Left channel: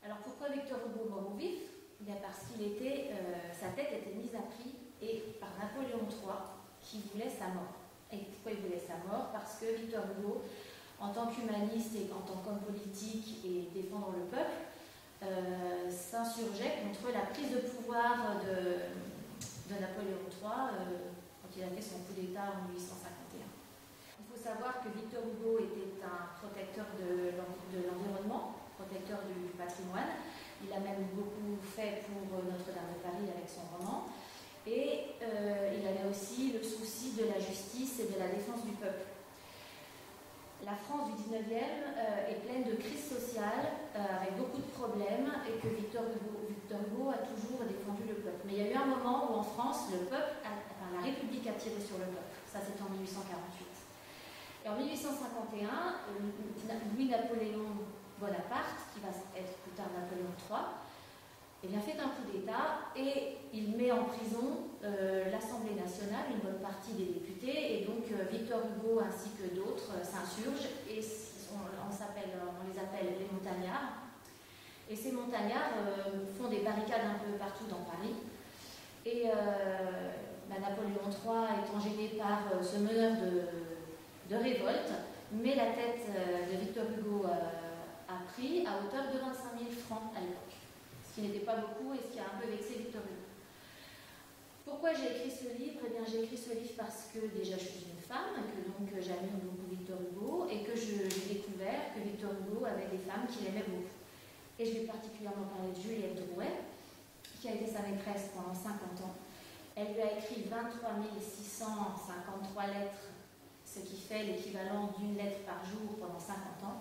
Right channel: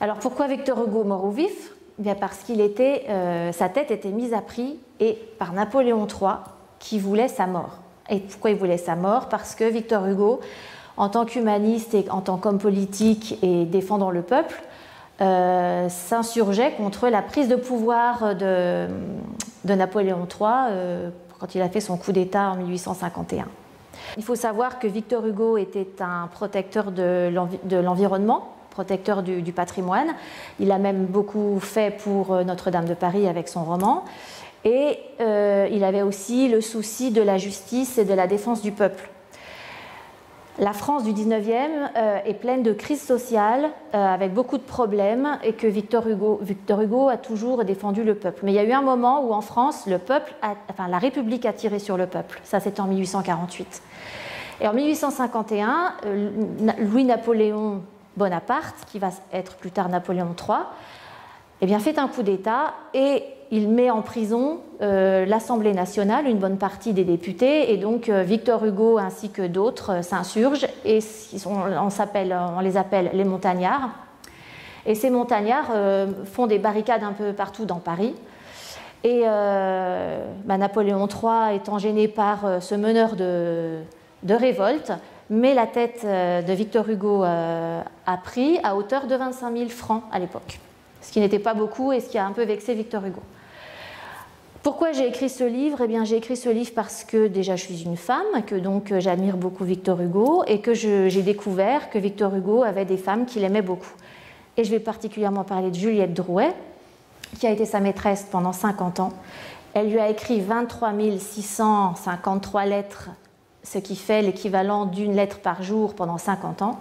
Alors pourquoi Victor Hugo mort ou vif? Bien parce qu'il était, sa tête était mise à prix et par Napoléon III qui voulait sa mort. Et pourquoi il voulait sa mort? Parce que Victor Hugo, en tant qu'humaniste et en tant qu'homme politique et défendant le peuple, s'insurgeait contre la prise de pouvoir de Napoléon III quand il a fait son coup d'État en 1851. Il faut savoir que Victor Hugo était un protecteur de l'environnement, protecteur du patrimoine. Il a même beaucoup fait pour Notre-Dame de Paris avec son roman. Et il avait aussi le souci de la justice et de la défense du peuple. La France du 19e est pleine de crises sociales, avec beaucoup de problèmes, et que Victor Hugo a toujours défendu le peuple. Mais il y a eu un moment où en France, la République a tiré sur le peuple. Ça, c'était en 1848. Et en 1851, Louis-Napoléon Bonaparte, qui va être plus tard Napoléon III, eh bien, fait un coup d'État et il met en prison l'Assemblée nationale, une bonne partie des députés, et donc Victor Hugo ainsi que d'autres s'insurgent et on les appelle les montagnards. Et ces montagnards font des barricades un peu partout dans Paris. Et Napoléon III étant gêné par ce meneur de révolte, met la tête de Victor Hugo à prix à hauteur de 25 000 francs à l'époque. Ce qui n'était pas beaucoup et ce qui a un peu vexé Victor Hugo. Pourquoi j'ai écrit ce livre? Eh bien, j'ai écrit ce livre parce que déjà je suis une femme, que donc j'admire beaucoup Victor Hugo et que j'ai découvert que Victor Hugo avait des femmes qu'il aimait beaucoup. Et je vais particulièrement parler de Juliette Drouet, qui a été sa maîtresse pendant 50 ans. Elle lui a écrit 23 653 lettres, ce qui fait l'équivalent d'une lettre par jour pendant 50 ans.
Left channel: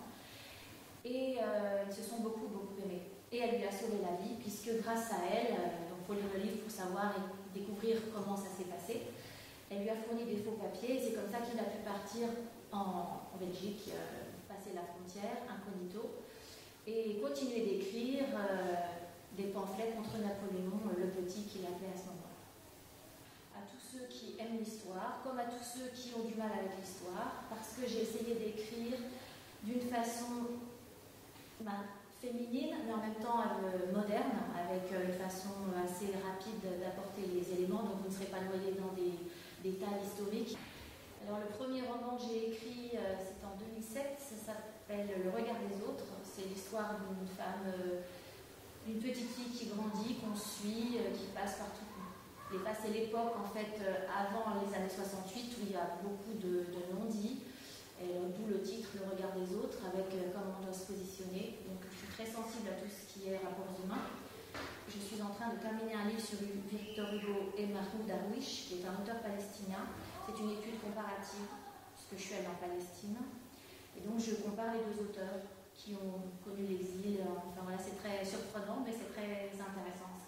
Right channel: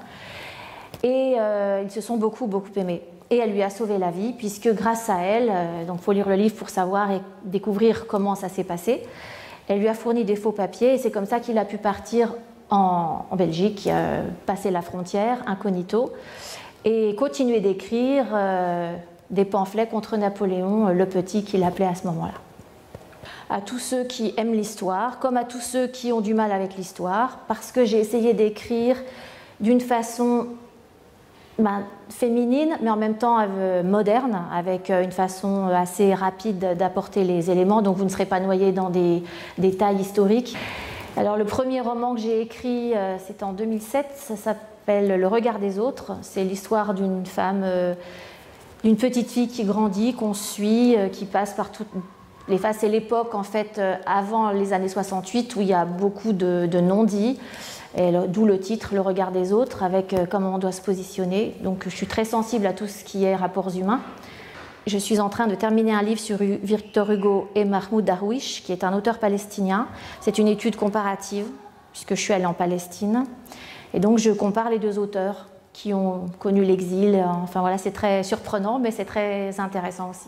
Et ils se sont beaucoup aimés. Et elle lui a sauvé la vie, puisque grâce à elle, donc il faut lire le livre pour savoir et découvrir comment ça s'est passé, elle lui a fourni des faux papiers, et c'est comme ça qu'il a pu partir en Belgique, passer la frontière, incognito, et continuer d'écrire des pamphlets contre Napoléon le Petit, qu'il appelait à ce moment-là. À tous ceux qui aiment l'histoire, comme à tous ceux qui ont du mal avec l'histoire, parce que j'ai essayé d'écrire d'une façon féminine, mais en même temps moderne, avec une façon assez rapide d'apporter les éléments, donc vous ne serez pas noyé dans des détails historiques. Alors le premier roman que j'ai écrit, c'était en 2007, ça s'appelle Le regard des autres. C'est l'histoire d'une femme, d'une petite fille qui grandit, qu'on suit, qui passe par toutes les phases. C'est l'époque en fait avant les années 68 où il y a beaucoup de non-dits. D'où le titre, Le regard des autres, avec comment on doit se positionner. Donc je suis très sensible à tout ce qui est rapports humains. Je suis en train de terminer un livre sur Victor Hugo et Mahmoud Darwish, qui est un auteur palestinien. C'est une étude comparative, puisque je suis allée en Palestine. Et donc je compare les deux auteurs qui ont connu l'exil. Enfin voilà, c'est très surprenant, mais c'est très intéressant aussi.